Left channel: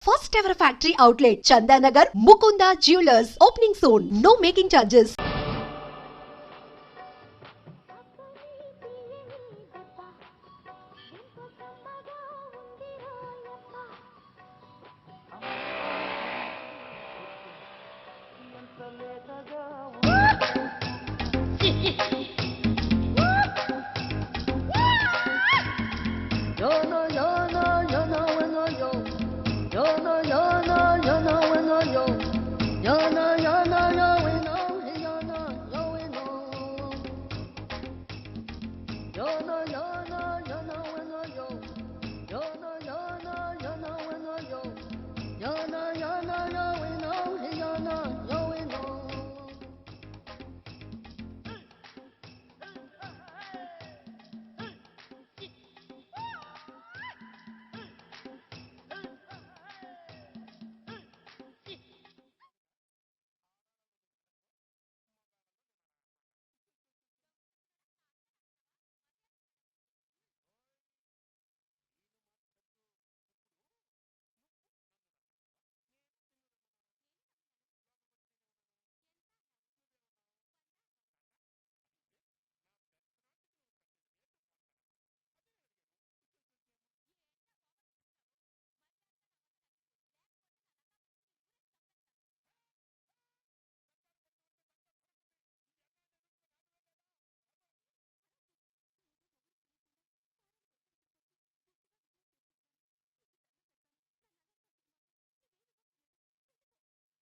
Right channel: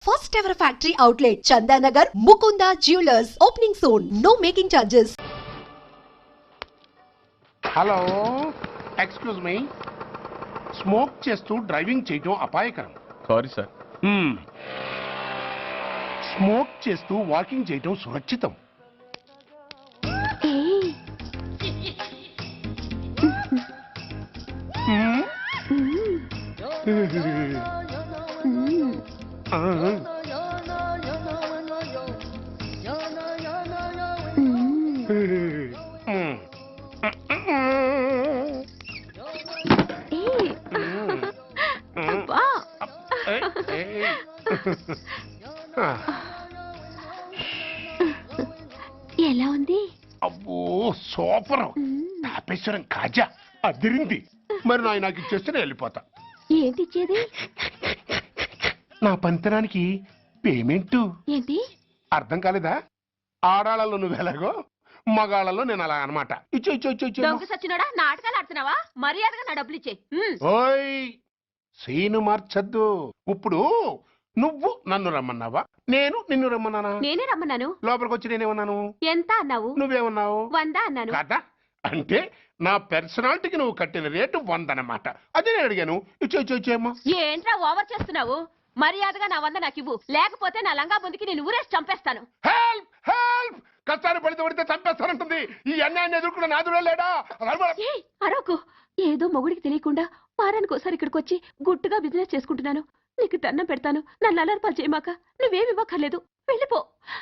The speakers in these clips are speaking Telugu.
first ever factory outlet, Chandanagar, Mukunda Jewelers, opening soon. No making charges. Hello excuse me smoke చేస్తూ డ్రైవింగ్ చేయడం అపాయకరం. Sorry sir. స్మోక్ చేస్తూ వాకింగ్ చేయడం సురక్షితం. ఎలా ఉంది? అబ్బో సూపర్. తాపేశ్వరం కాజా అదిరింది. మరి నాకు ఇచ్చేస్తే నేను వెళ్ళిపోతా. ఏంటి ఇచ్చేది? నా పంతనానికి పేమెంట్. ఏంటి అర్థం కాలేదా? ఆడాళ్ళలో నువ్వు ఎలాగో మగాళ్ళలో నేను అలా అనమాట. ఇచ్చో ఇచ్చో ఇచ్చో ఇచ్చో. దొంగ సచ్చినోడా, నాటకాలు ఆడుతున్నావా? మర్యాదగా నా డబ్బులు ఇచ్చే. ఓయ్ సీను మార్చద్దు. ఇప్పుడు నువ్వు నన్ను రమ్మన్నావా, నేను నిన్ను రమ్మన్నానా? నేనే రమ్మన్నాను. లోపలికి వచ్చి నేనేమన్నాను? ఎంత అన్నావు? నువ్వేమన్నావు? 100 అన్నాను. కదా అంటే నా పర్సనాలిటీకి నువ్వు కట్టిన రేటు 100 అన్నమాట. అదే నేను అడిగాను. ఇచ్చో ఇచ్చో ఇచ్చేమ్మా. ఏంట్రా ఓవర్ చేస్తున్నావు? మర్యాదగా నా 100 నాకు ఇవ్వు, లేకపోతే నా లంగా బొందికి నేను ఊరేసి చంపేస్తాను. Help help. కష్టాన్ని పడితే చంపేస్తానంటుంది. ఈ అన్యాయాన్ని ఎదుర్కొన్న నాదుడే లేడా? అరవకు. ఏదో మొగుడికి తెలియకుండా వారానికి ఒకసారి ఇక్కడికి వచ్చి గుట్టుగా బిజినెస్ చేసుకుంటున్నాను. నీకు దండం పెడతాను, నన్ను అలర్పాలు చేయమాక. నువ్వేమి ఇవ్వక్కర్లేదు, వెళ్ళిపో.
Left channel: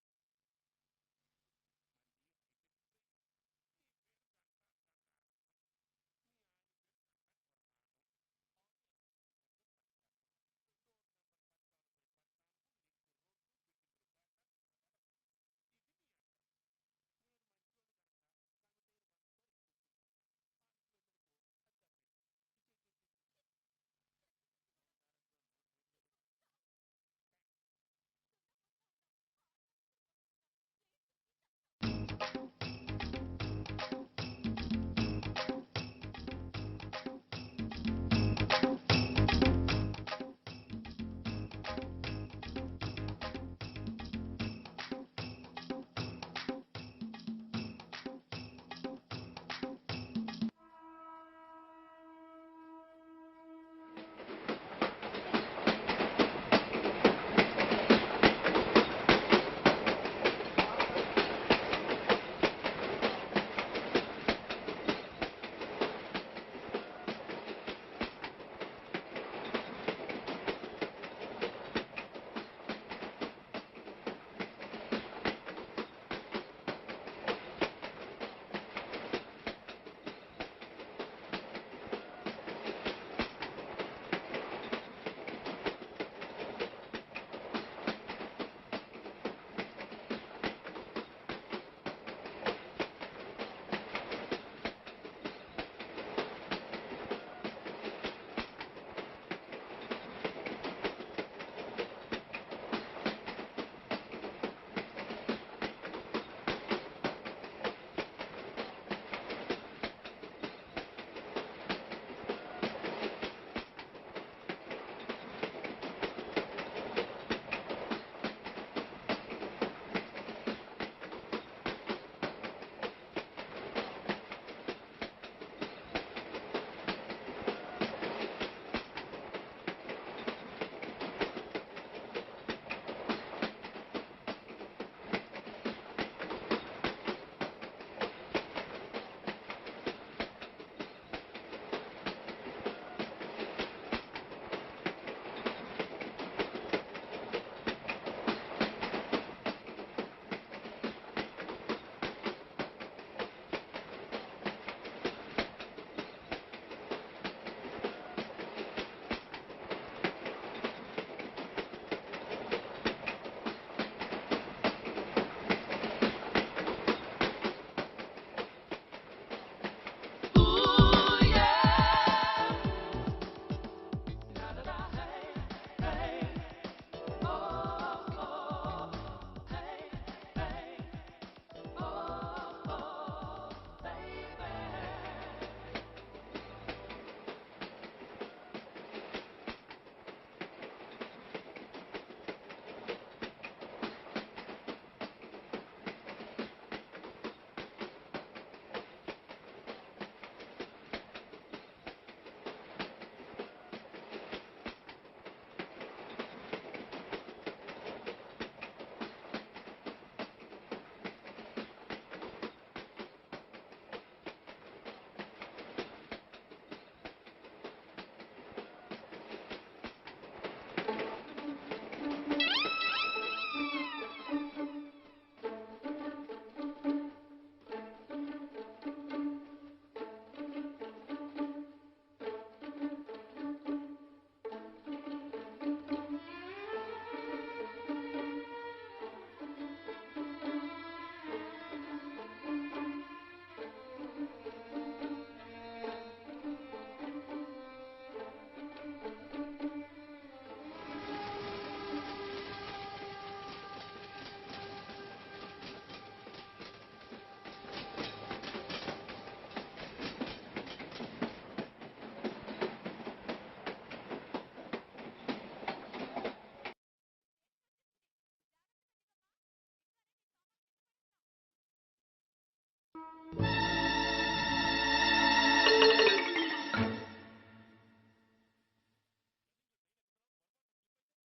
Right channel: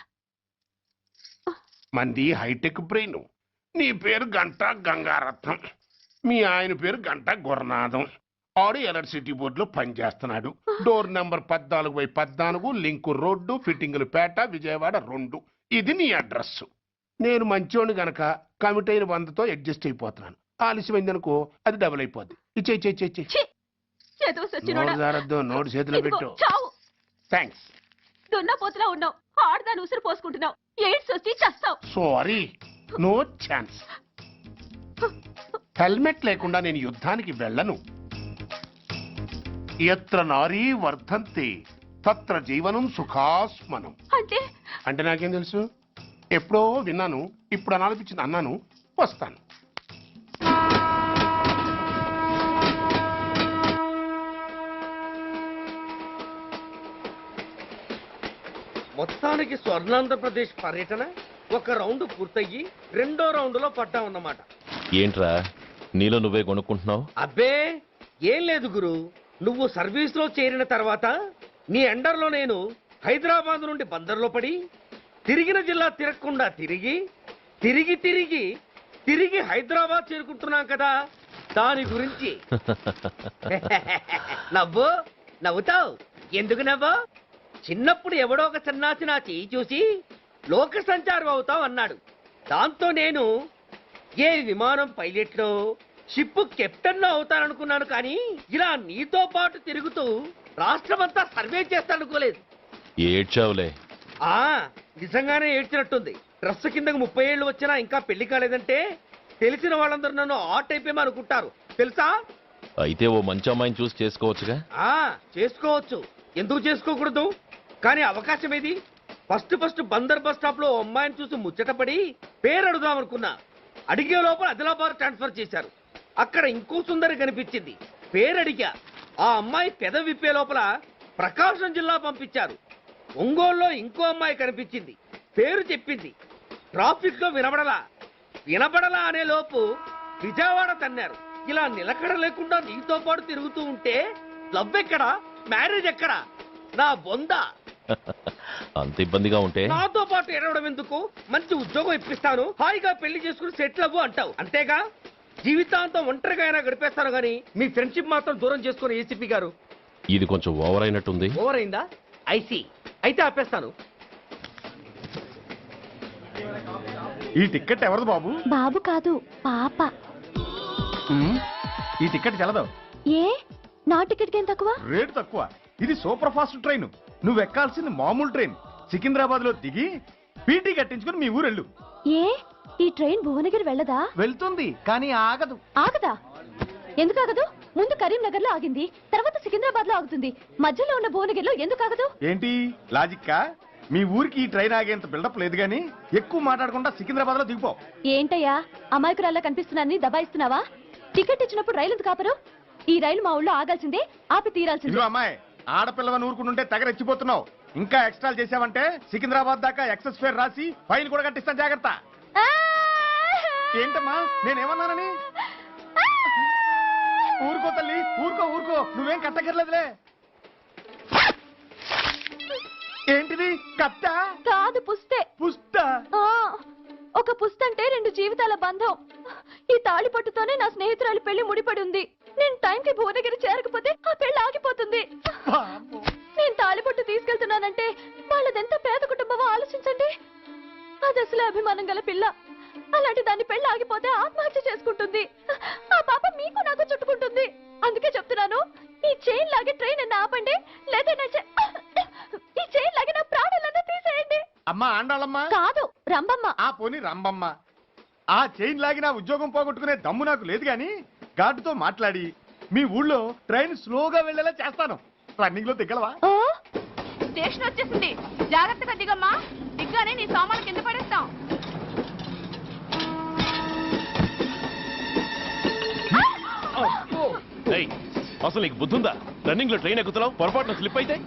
మంది హైటెక్ బ్రెయిన్. నీ పేరు గంట గంగారత్నం, మీ ఆయన పేరు గంట గురునాథం. ఆడు ఎలక్ట్రిసిటీ బోర్డులో పనిచేస్తున్నాడు. డోర్ నెంబర్ 14/14, లింకు రోడ్డు, ఫిట్టింగులు పేట, విజయవాడ 2. ఇది నీ అడ్రస్. నేను మంచోని గనక కమిట్ అయిన 100తో అడ్జస్ట్ అయిపోతున్నాను. ఆలస్యమైందనుకో అది డబుల్ అయిపోద్ది. ఇచ్చే నోటు చేతిలో పెట్టు. థ్యాంక్స్. దున్నపోతులా ఉన్నావు, ఆడదాని ఉసురు పోసుకుంటున్నావు. ఎయిడ్స్ వచ్చి చస్తావు. Sorry, no chance. హెల్మెట్ లేకుండా నేను యుద్ధానికి వెళ్ళను. ఎత్ర నారీ వర్ధంతి తత్ర జీవనం సుఖాస్మనం. అంటే నాకేం తెలుసు? ఎప్పుడో విన్నాను, ఇప్పుడు అనాలనిపించింది అన్నాను. వస్తాను. మొత్తానికి స్వర్ణాంధ్రప్రదేశ్ పర్యటన ఒక రౌండ్ పూర్తయ్యి 2వ రౌండ్లో పడ్డామన్నమాట. ఏంట్రా నీలో నువ్వే కొనుక్కుంటున్నావు? అబ్బే ఏం లేదు గురు. నువ్వు సర్వీస్లో చేరిన తర్వాత నీ అండర్లో నేను హైదరాబాద్ నుండి బందర్లో పడి తిరిగిన జిల్లా తిరగకుండా తిరిగి తిరిగి తిరిగి తిరిగి హైదరాబాద్ చేరుకుంటున్నాం కదా, దాని గురించి. నవ్వుతావు ఎందుకు నవ్వు? చిన్నప్పుడు ఎవడో ఒక సన్నాసి నా చెయ్యి చూసి లోక సంచారం అవుతావు అన్నాడు. దాంతో నేను ఏ విమానం పైలట్లో షిప్ కెప్టెన్ అవుతాననుకున్నాను. కానీ ఇలా నీతో పాటు తిరుగుతూ రాష్ట్రమంతా సర్వే చేస్తానుకోలేదు. ఏడ్చావులే. నిజంగానే ఏడ్చినట్టుంది. డ్రెస్ కిందకు 30 ఏళ్ళు వచ్చినా ఇంకా పెళ్లి కాలేదంటే తెలిసిన వాళ్ళందరూ నన్ను ఆట్ అయిపోయామనుకుంటారు తెలుసా? అయితే ఓ మంచి అమ్మాయిని చూసి చేసుకోవచ్చుగా. చేసుకోవచ్చు, ఎందుకు చేసుకోకూడదు? కానీ అవకాశం ఏది? ఫస్ట్ బందర్ బస్ స్టాప్ లో అమ్మాయిని చూసి ముచ్చటపడి పేరు అడుగుదామనుకున్నా. అడిగే లోపల ఆదిలాబాద్ ట్రాన్స్ఫర్ చేశారు. అక్కడ ఇంకో సుందరి కనిపించింది. పేరు అడిగా. ఆ అమ్మాయి పెద విప్పే లోపల ప్రకాశం జిల్లా పంపించారు. ఒంగోలులో ఇంకో అమ్మాయి కనిపించింది. పేరు చెప్పింది. ట్రాఫిక్ లో వినబడలా అనే లోపు విజయవాడ తన్నారు. ఇలా నిలకడ లేకుండా నీతో పాటు తిరుగుతూ ఉంటే లవ్ ఎక్కడా, మ్యారేజ్ ఎక్కడా? నా బొంద. అంత ఇబ్బందిగా ఉంటే నాతో పాటు ఎడవడం ఎందుకు? మంచి ఉద్యోగం ఇప్పిస్తాను, హాయిగా పెళ్లి చేసుకుని సెటిల్ అవ్వు అంటావు అంతేగా. జీవితాంతం ఒంటరిగా అయినా గడిపేస్తాను కానీ మీ ఫ్రెండ్షిప్ మాత్రం దూరం చేసుకుని ఏసీపీ గారు. ఇది కొంచెం ఓవర్ అయినట్టుంది. ఓవర్ అయిందా? ఐసీ. అయితే ఆపేస్తాను. ఈ టికెట్ ఎవరిది బాబు? బాబు కాదు, పాప. ఈ టికెట్ గలదు. ఏ నా టికెట్ ఏం తక్కువ? రేట్ తక్కువ. ఇది సూపర్ ఫాస్ట్ ట్రైన్. నువ్వు ఎక్కాల్సింది మామూలు ట్రైన్. సికింద్రాబాద్ లో దిగి పీటీ కట్టించుకుని మీ ఊరెళ్ళు. ఏ ఈ ట్రైన్ భువనగిరి వెళ్ళదా? వెళ్తుంది కానీ ఆగదు. ఆగదా? ఎందుకు ఆగదు? ముందు కరీంనగర్ లో ఆగింది, తర్వాత సికింద్రాబాద్ లో ఆగుతుంది. మధ్యలో ఉన్న భువనగిరిలో ఎందుకు ఆగదు? ఏంటి లాజిక్కా? మీ ఊరికి ఈ ట్రైన్ ఆగేంత బిల్డప్ లేదు గానీ ఎక్కువ మాట్లాడకుండా సికింద్రాబాద్ లో దిగిపో. ఏంటయ్యా అమాయకురాల్లా కనిపిస్తున్నాన్ని దబాయిస్తున్నావా? టికెట్ ఇచ్చినప్పుడు రైలు ఎందుకు ఆపరు? ఈ రైలు మా ఊళ్ళో ఆగాల్సిందే, ఆపి తీరాల్సిందే. ఇదిగో అమ్మాయి, ఆడపిల్లవని ఊరుకుంటుంటే తెగ రెచ్చిపోతున్నావు. ఇంకా ఎక్స్ట్రాలు చేసావంటే సికింద్రాబాద్ దాకా ఎక్సెస్ ఫేర్ రాసి ఫైన్ కూడా కట్టిస్తాను, జాగ్రత్త. ఏంటమ్మా నేనేమన్నానని? ఊరుకో తల్లి, ఊరుకో ఊరుకో, నువ్వేం కట్టగర్లేదులే. ఏంటిది కట్ట? కాదు పుస్తే. పుష్ట? ఆ, ఒక పుస్తంటే 2 జీవితాల బంధం. ఈ తాళి పట్టుతోనే నా స్నేహితురాలి పెళ్లి ముడిపడి ఉంది. నేను టైంకి భువనగిరి చేరకపోతే ఆ పెళ్లి ఆగిపోతుంది. నేను తాళి పట్టు తీసుకెళ్తున్నానంటే వాళ్ళదెంత పేద కుటుంబమో ఆలోచించండి. అది అసలు అభిమానం గల పిల్ల. అలాంటి దాన్ని పెళ్లి ఆగిపోతే ఆత్మహత్య చేసుకుంటుంది. ఆ పాప మీకు నాకు చుట్టుకుంటుంది. అందుకే చెప్తున్నాను, ఈ చైన్ లాగే ట్రైన్ అన్న ఆపండి, లేదా ఈ చైన్ లాగే నా ప్రాణాలన్నా తీసేయండి. అమ్మా ఆండాళమ్మ కాదు రంబమ్మ. ఆ పోని రంబమ్మ. ఆ చైన్ లాగి నా ఉద్యోగం పోగొట్టుకునే దమ్ము నాకు లేదు గాని గార్డుతో మాట్లాడి మీ ఊళ్ళో ట్రైన్ స్లోగా వెళ్ళేలా చేస్తాను. రన్నింగ్ లో దిగలవా? స్టేషన్ వచ్చేసింది, జాగ్రత్తగా దిగమ్మా. దిగ్గానే నీ సామాన్లు కింద పడేస్తాం. ఏయ్, అసలు నీకు బుద్ధుందా? రన్నింగ్ లో ట్రైన్ ఎక్కుతున్నావు, పొరపాటున స్లిప్ అయితే?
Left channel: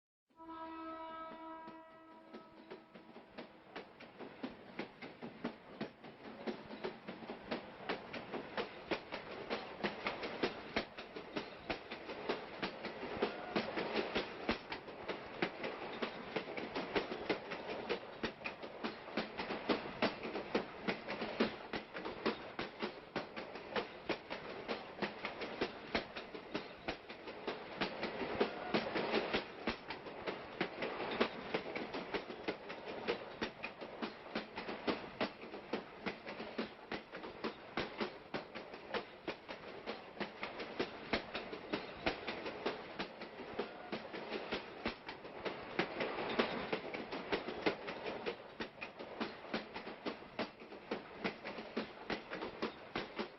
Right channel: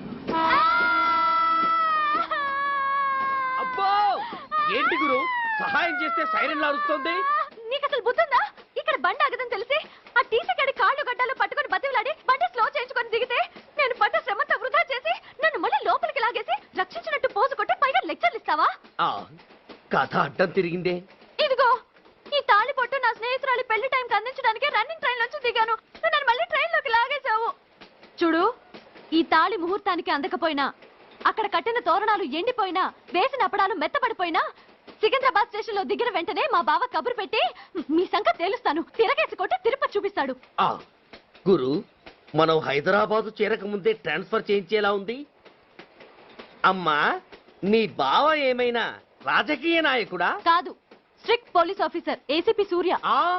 అబ్బో ఏంటి గురు, సహాయం చేస్తే సైరన్ లారుస్తుంది. నీకు అసలు బుద్ధుందా? ఇక్కడ బండి ఆగదని తెలిసి ఆ టీసీ గడి కాళ్ళు గడ్డలు పట్టుకొని బతిలాడి బండి స్లో చేసుకొని దిగితే నేను పడ్డ శ్రమంతా వృధా చేసి నన్ను మళ్ళీ లోపలికి లాగేసి రక్షించినట్టు పోసు కొట్టి పైగా లెక్చర్లు ఇస్తావా? కథ అడ్డం తిరిగిందే. ఇదిగో ఈ తాళి పొట్టు నా స్నేహితురాలి పెళ్లి టైంకి అందించడానికి రన్నింగ్ ట్రైన్ నుంచి దిగాను. నన్ను మళ్ళీ ట్రైన్ లోకి లాగేశావు. చూడు, ఈ తాళి ముహూర్తానికి అందకపోయినా, అక్కడ కట్టిన తోరణాలు ఎండిపోయినా, వేసిన అప్పడాలు మెత్తపడిపోయినా, సికింద్రాబాద్ స్టేషన్ లో దిగిన వెంటనే మా బావ కబురు పెట్టి మీ సంగతి తేలుస్తాను, తిరగేసి కొట్టి తిరుపతి చూపిస్తాడు. గురు, మనం హైదరాబాద్ చేరక ముందే ట్రాన్స్ఫర్ చేయించేలా ఉంది. అమ్మా, నీ బావ ఏమైనా రాజకీయ నాయకుడా? కాదు, strict police officer, ACP Surya.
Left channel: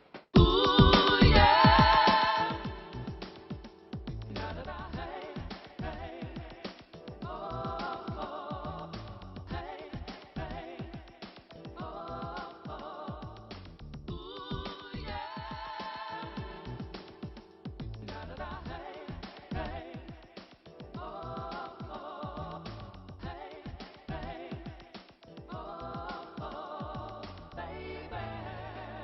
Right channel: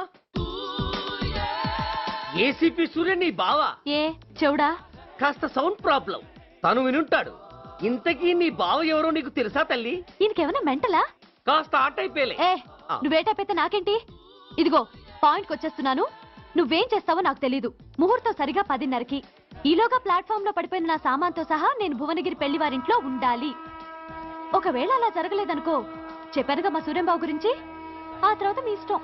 ACP Surya నీ బావ? ఏ చెవుడా? కాస్త సౌండ్ ప్రాబ్లం, తను వినుంటాడు. ఇంతకీ నీ బావ ఎవరో నీకు తెలుసా తల్లి? ఈయనకేమైనా మెంటలా? కాస్త ఆట అయిపోయలే. ఏ నువ్వేటైతే నాకేంటి? ఇదిగో పాయింట్కి వచ్చేస్తున్నాను. నువ్వేం చేస్తావో నాకు తెలీదు. ముహూర్తం సరిగా 10:30కి. ఈలోగా ప్లాట్ఫామ్ లో పడిపోయిన నా సామాన్తో సహా నేను భువనగిరి పెళ్లి వారింట్లో ఉండాలి. ఒకవేళ అలా జరగలేదనుకో, చెప్పానుగా మా సూర్యంబాబు గురించి, ఆ తర్వాత మీ ఇష్టం.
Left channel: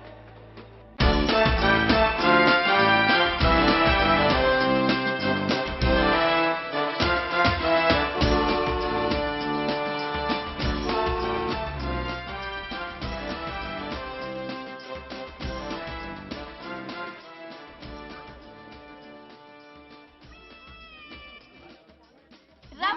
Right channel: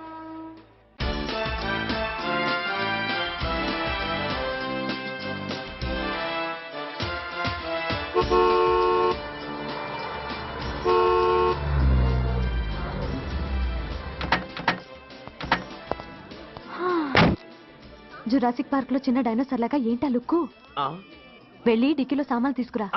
జురాసిక్ పార్క్ లో చిన్న డైనోసార్ లాగా ఏంటా లుక్కు? వెళ్ళి డిక్కీలో సామాన్లు తీసుకురా.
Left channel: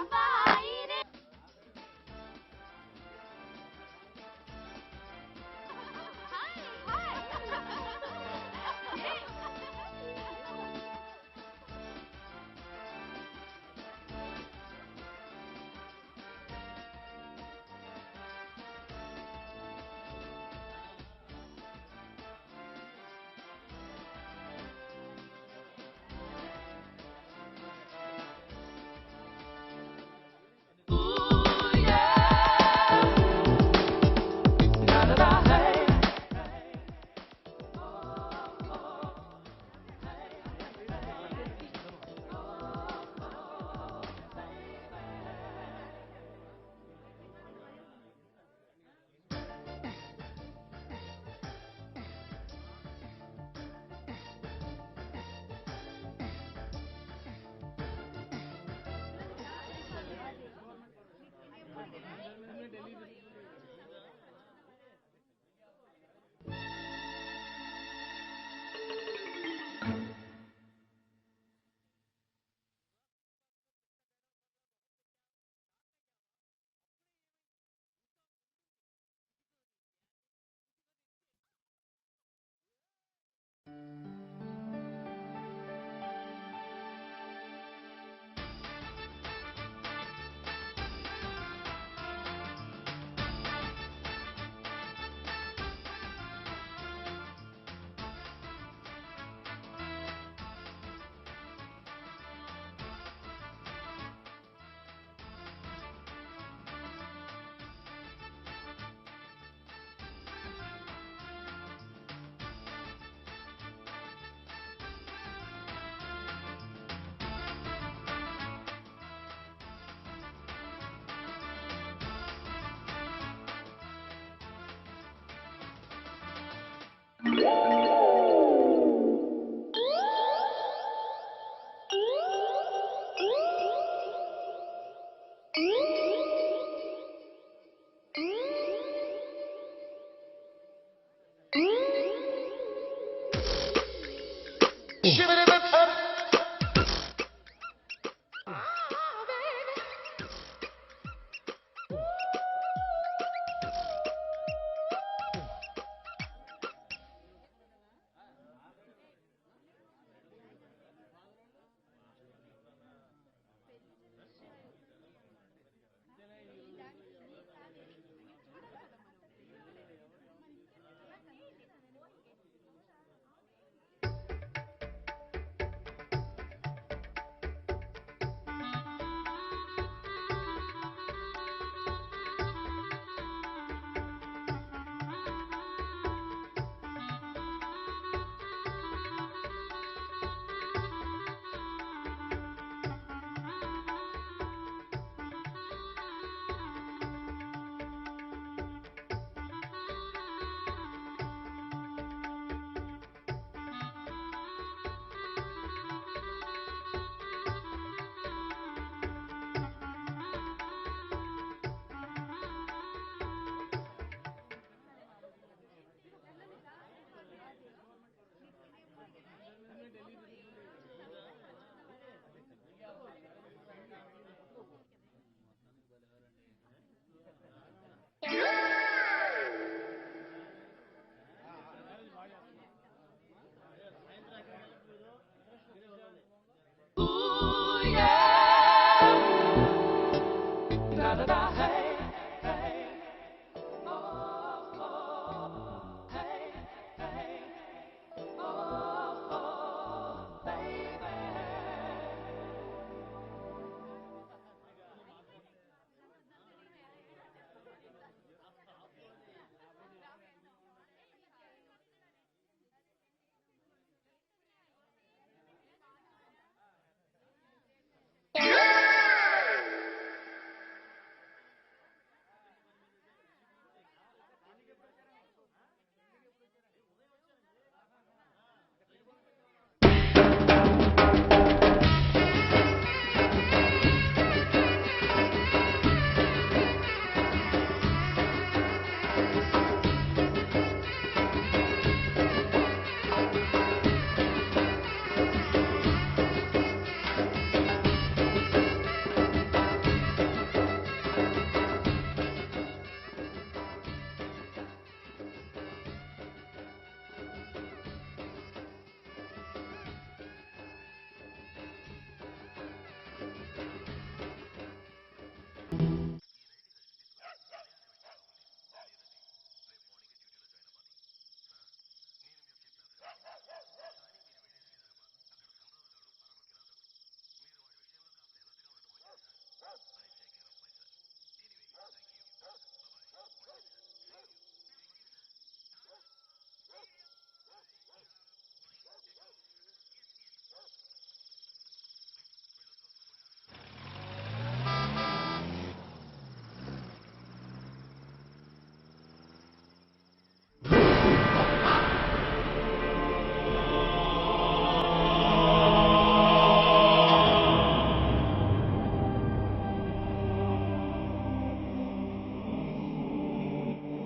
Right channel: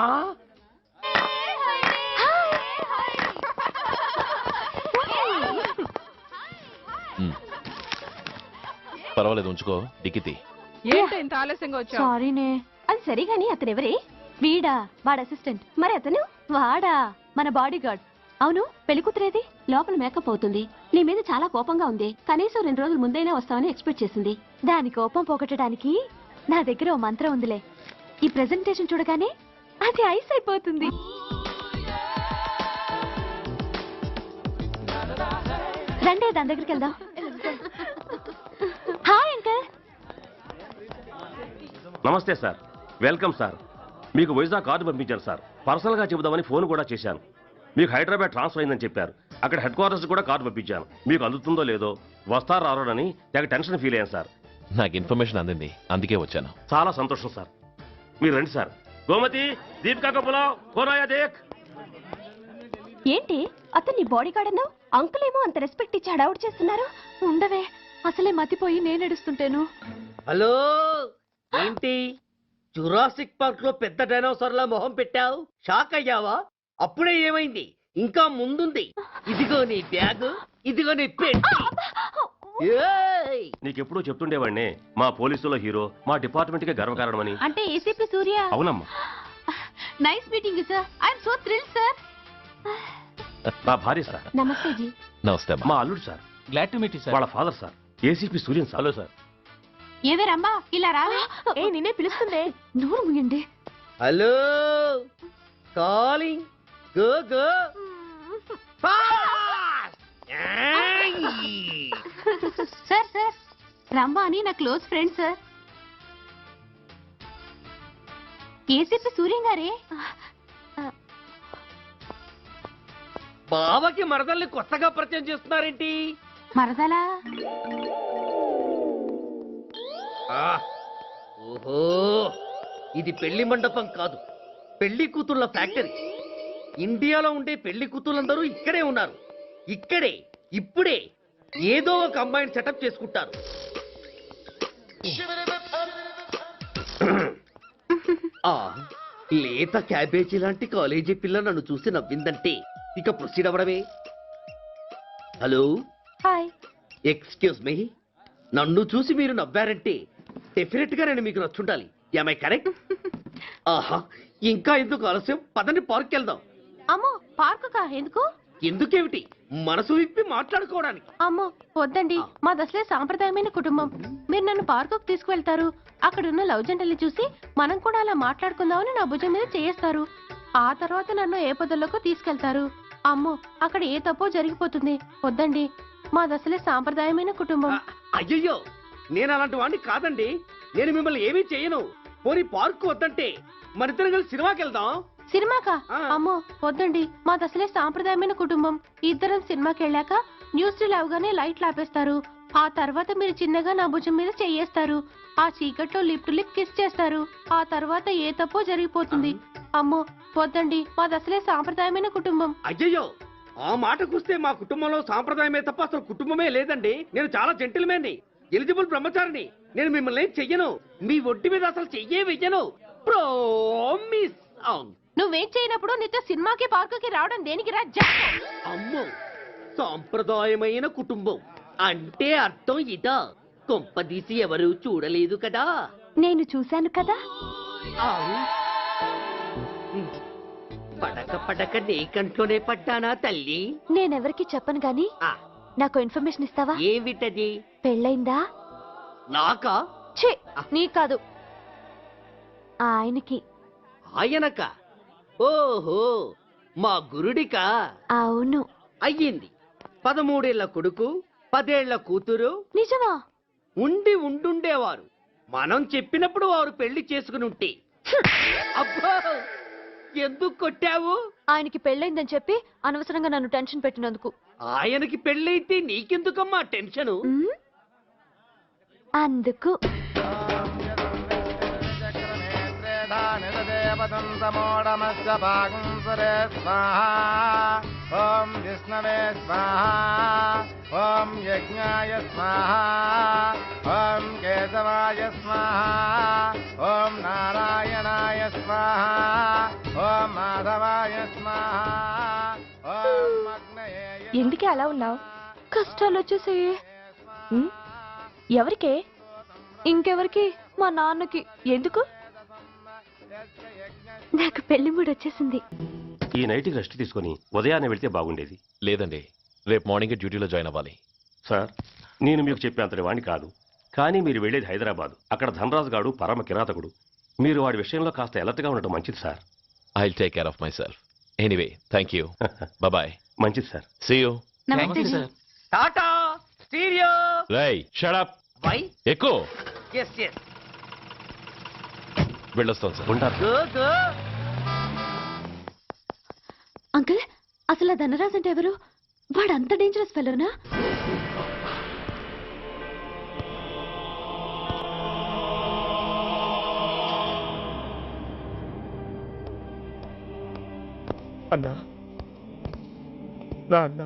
పర్వాలేదు, ఉంచుకో, దిక్కితి. ఏంటి ఇంత ఆలస్యంగా వచ్చావు? సారీనే. అది సరే గాని అతను ఎవరే? వీడా, వాడు అసిస్టెంట్. మరి అతను? వాడా, మన బాడీ గార్డ్. అవును, పెళ్లి కూతురేది? లోపల మేకప్ అవుతుంది. నీ మీద చాలా కోపంగా ఉంది. కనీసం 2 రోజుల ముందైనా వస్తావని ఎక్స్పెక్ట్ చేసింది. దాని కోపం పోగొట్టడానికి నా దగ్గర ఓ మంత్రం ఉందిలే. ఈ ప్రెజెంటేషన్ చూడగానే అది ఐస్ అయిపోతుంది. రండి దాని దగ్గరికి వెళ్దాం. Hi uncle. నమస్తే సార్, వెల్కమ్ సార్. మీకు వైజాగ్ కార్డు పంపించారు సార్. పర్సనల్గా చెబుదామని ఫోన్ కూడా చేశాను. మీకు హైదరాబాద్ ట్రాన్స్ఫర్ అయిందని చెప్పారు. అక్కడ హెడ్ క్వార్టర్స్ కూడా కార్డు పంపించాను. మీకు అందుతుందో లేదో, వస్తారో రారోడని నాకు టెన్షన్ ఫీల్ అయ్యాను సార్. నాకు ఇన్ఫర్మేషన్ అందింది, అందుకే వచ్చాను. చాలా సంతోషం సార్. మీరు రండి సార్. గోమతి, దీపికా కపులావ్, కోనాయా దేక్. ఏంటి అతను నీ బాడీ గార్డ్ అన్నావు? అంకుల్ ఏమో అంత రెస్పెక్ట్ ఇచ్చి హడావుడు చేస్తున్నారు. ఉండవే, అసలే మతిపోయి నేను ఎడుస్తుంటాను. హలో, ఏంటి జురాసిక్ పార్క్ లో పెద్ద డైనోసార్ లా మొహం పెట్టావు? షాక్ అయ్యావా? అప్పుడే ఏమైంది? ఇంకా ముందుంది. ఇదిగో నీ బ్యాగ్, ఇదిగో నీ పెట్టి. నీకెప్పుడూ చెప్తుండేవాడిని, మా పోలీసులో హీరో, మా డిపార్ట్మెంట్ కి గర్వకారణమని. అంటే ఏసీపీ సూర్య? అవునమ్మా. Nice meeting sir. I'm so thrilled sir. మా భార్య సార్. నమస్తే జీ. నమస్తే. మా అల్లుడు sir. Glad to meet you sir. వాళ్ళ father sir, ACP Suryan sir. Hello sir. ఏవే రమ్మా ఇలా రావే. ఏ నిన్నే పిలుస్తుందే. నోరు ముయండి. Hello calling go go sir sir రమ్మా అని నా close friend sir. ACP Suryam గారే. బావకి మరదల్ని కొత్తగా పరిచయం చేస్తున్నారేంటి? మరదలా? ఓహో, ఇది పెళ్లి మండపం కాదు, పెళ్లి కూతుళ్ళ ఫ్యాక్టరీ. ఇండియాలో ఉండే పెళ్లి కూతుళ్ళందరూ ఇక్కడే ఉన్నారు. ఇక్కడే ఇప్పుడే ఏదో ఒక అమ్మాయిని సెటప్ చేసుకుంటారు. ఆ లేత క్యాబేజీ లాంటి కాలేజీ పిల్ల నన్ను చూసి నవ్విందంటే ఇక ప్రొసీడ్ అవ్వడమే. Hello, hi. ఎక్స్క్యూజ్ మీ, నన్ను చూసి మీరు నవ్వారంటే డెఫినెట్ గా నేను మీకు నచ్చుండాలి. I correct? ఆహా, ఇంకా ఎందుకు ఆలస్యం? పదండి పార్క్ వెళ్దాం. అమ్మో పార్కుకా? ఎందుకు? ఎందుకేమిటి, మనసు విప్పి మాట్లాడుకోవడానికి. అమ్మో వద్దండి, మాది అసలే సాంప్రదాయమైన కుటుంబం. మీరు నన్ను పార్కుకు తీసుకువెళ్తారు, అక్కడున్న లవ్ జంటల్ని చూసి మనం కూడా అలా మాట్లాడుకుందామని నా భుజం మీద చేస్తారు. ఆ తర్వాత నన్ను ఏ పొదల్లోకి తీసుకెళ్తారు. అమ్మో అక్కడ ఏ తప్పో జరిగిపోతుంది. వద్దండి, మాది అసలే సాంప్రదాయమైన కుటుంబం. అయ్యయ్యో, నేను అలాంటి వాడిని కాదండి. నేను మిమ్మల్ని ఏమీ చేయను. పోనీ పార్క్ వద్దంటే మరిద్దరం కలిసి సినిమాకి వెళ్దాం. సినిమాకా? అమ్మో వద్దండి, మాది అసలే సాంప్రదాయమైన కుటుంబం. ఇద్దరం సినిమాకి వెళ్ళాక న్యూస్ అవగానే లైట్లు ఆపేస్తారు. ఆ తర్వాత మీరు చిన్నగా నా భుజం మీద చెయ్యేస్తారు. ఆ చీకట్లో లిప్ టు లిప్ కిస్ చేస్తారు. ఆ తర్వాత ఏ తప్పో జరిగిపోతుంది. అమ్మో వద్దండి, మాది అసలే సాంప్రదాయమైన కుటుంబం. అయ్యయ్యో, ఆ మాటకొస్తే మా కుటుంబంలో సాంప్రదాయమే తప్ప అసలు కుటుంబమే లేదండి. నేను చాలా జెంటిల్మెన్ని, ఎలిజిబుల్ బ్రహ్మచారిని. నేను మిమ్మల్ని ఏం చెయ్యను. మీ ఒంటి మీద అసలు చెయ్యే వెయ్యను. ప్రామిస్. నువ్వేం చేయనప్పుడు నీతో సినిమాకి పార్కుకి రావడం దేనికి రా? అమ్మో, సాంప్రదాయమైన కుటుంబం అంటే అర్థం ఇదా? కొంపదీసి ఎవరు చూడలేదు కదా? నేను చూశాను కదా. పడక నీ కంట్లోనే పడ్డానా తల్లి? నేనెవరికి చెప్పను గాని నాకు ఇన్ఫర్మేషన్ ఇస్తావా? ఏమిటది? పెళ్ళైందా? నాకా? ఛీ, నీ కాదు, ఆయనకి. ఆయనక? ఓహో, మా గురుడికా? అవును. అయ్యింది. 13 ఏళ్ల కొడుకు, 10 ఏళ్ల కూతురు. నిజమా? ఉండుండేవారు. మనం చెప్పినప్పుడు వారు పెళ్లి చేసుకుని ఉంటే. అబ్బా! ఎందుకు కొట్టావు? ఆయనకి పెళ్ళైందని చెప్పి అనవసరంగా నన్ను టెన్షన్ పెట్టినందుకు. ఆయనకి పెళ్ళైతే నీకెందుకమ్మా టెన్షను? అందుకు. ఎందుకే అలా ఉన్నావు? కష్టాలు వచ్చేసాయి. ఎవరికే? ఇంకెవరికి? మా నాన్నకి. ఎందుకు? నాకు పెళ్లి మూడు వచ్చేసింది. ఈ నైట్కి రెస్ట్ తీసుకొని ఉదయాన్నే వెళ్తే బాగుండేది. లేదండి, రేపు మార్నింగ్ డ్యూటీలో జాయిన్ అవ్వాలి. సార్, నేను మీకు చెప్పేంతటి వాణ్ణి కాదు, కానీ మీరు వెళ్ళేది హైదరాబాద్. అక్కడ ధనరాజు గాడు పరమ కిరాతకుడు. మీరు వాడి విషయంలో కాస్త ఎలర్ట్గా ఉండటం మంచిది sir. I will take care of myself. Anyway, thank you. Bye. మంచిది సార్. See you. నమస్తే సార్. టాటా స్టీరియో. రై షట్ అప్. వై? ఎక్కువ ఎస్ ఎస్. వెళ్ళొస్తాం సార్. ఉంటారు. Go go. అంకుల్, అసలు ఆ ధనరాజ్ అంటే ఎవరు? వాడు అంత డేంజరస్ ఫెలోనా? అన్నా, నా అన్నా,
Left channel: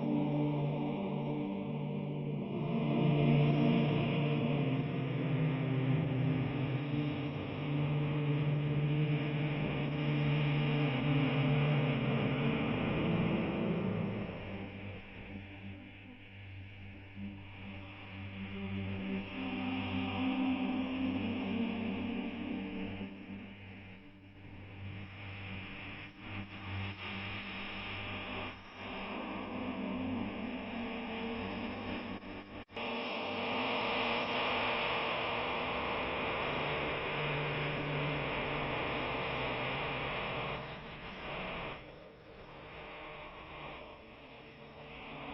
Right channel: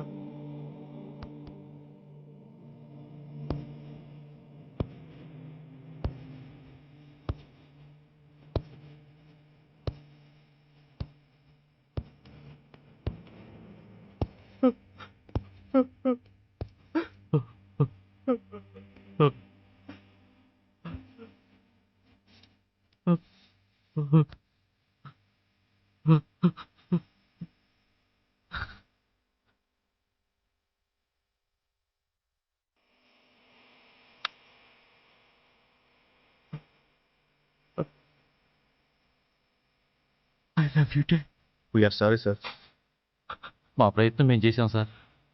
ఎగ్జిక్యూటెడ్ వీఆర్ సారీ సార్. మా ప్రయత్నం మేము చేశాం సార్.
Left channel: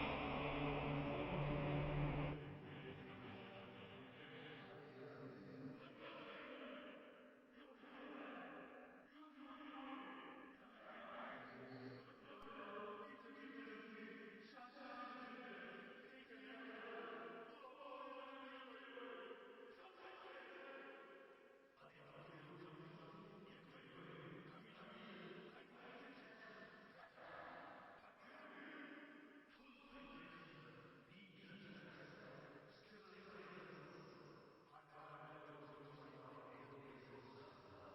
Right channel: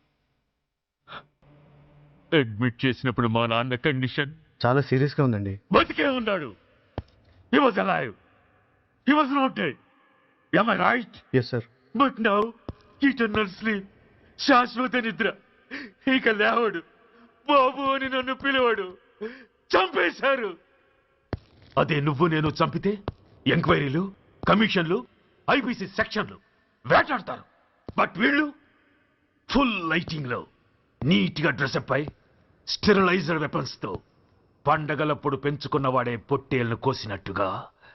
అడ్మిట్ చేసినప్పుడు మా నాన్న కండిషన్ చాలా సీరియస్గా ఉందండి. బతికే ఉన్నాడు. He was alive. He was not dead. Am I right? yes sir. But now eternal sleep, శాశ్వత నిద్ర. ఇక లేవడు. బాబు అని నన్ను పిలవడు. చంపేశారు. అదే నువ్వు నేను చంపితే ఎంక్వైరీలు, కమిషన్లు, ఐపీసీ సెక్షన్లు వేటాడతారు. బట్ వీళ్ళు ఫుల్ లైటింగ్ లో నీట్ గా డ్రెస్అప్ అయి స్టెరిలైజర్ వెపన్స్ తో పండగలప్పుడు పెంచుకున్నవాడే పొట్టేళ్లను కోసినట్టుగా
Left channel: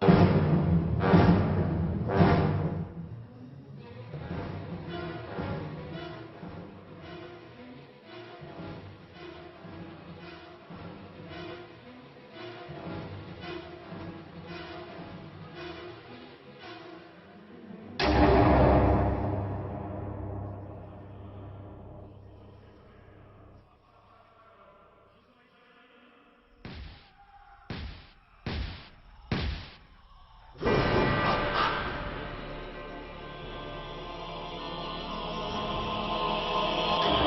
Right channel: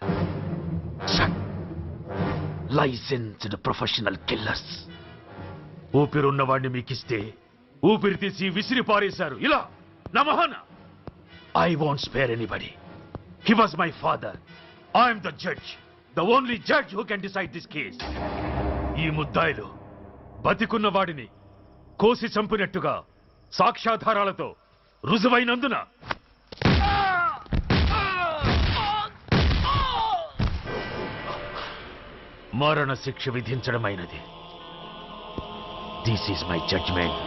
లైసెన్స్డ్ ప్రొఫెషనల్ కిల్లర్స్. ఊపిరున్నవాడిని మీకిస్తే ఊపిరి తీసి విసిరి పారేశారు ఇలా నమహన. I won't spare anybody. He was my father. I'm the judge, the only judge who can decide this case. ఈ ముద్దాయిలు బతికున్న వాడిని కోసి చంపినట్టుగా సాక్ష్యాధారాలతో రుజువైనందున మరణ శిక్ష విధించడమైనది. This is my judgement.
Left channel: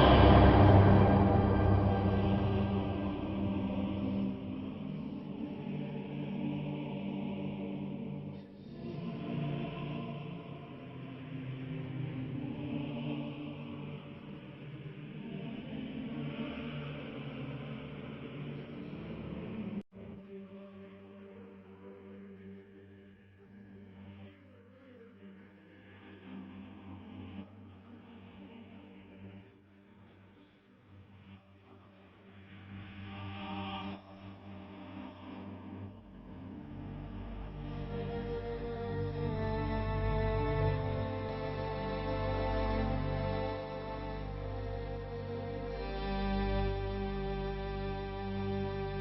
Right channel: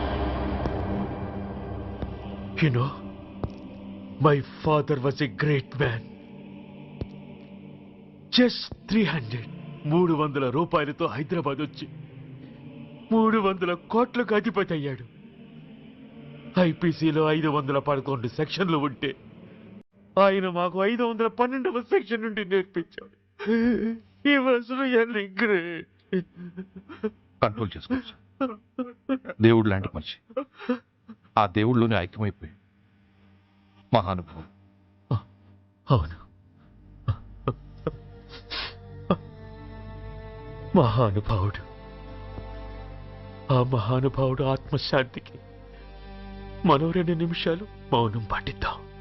You know, my father was a great man. Just 300 రూపాయలతో హైదరాబాద్ వచ్చి 300 కోట్లకు అధిపతి అయ్యాడు. ఐపీసీలో 511 సెక్షన్లు ఉంటే ఆయన మాకు 512వ సెక్షన్ నుండి నేర్పించాడు. కంట్రోల్ చేసుకోవచ్చు. దేవుడు లాంటి మనిషి. ఆ దేవుళ్ళలోనే ఐక్యమైపోయి మహానుభావం. అవును, మహానుభావుడు. ఆ మహానుభావుడు ఆత్మశాంతికి మరో 2 నిమిషాలు మౌనం పాటిద్దాం.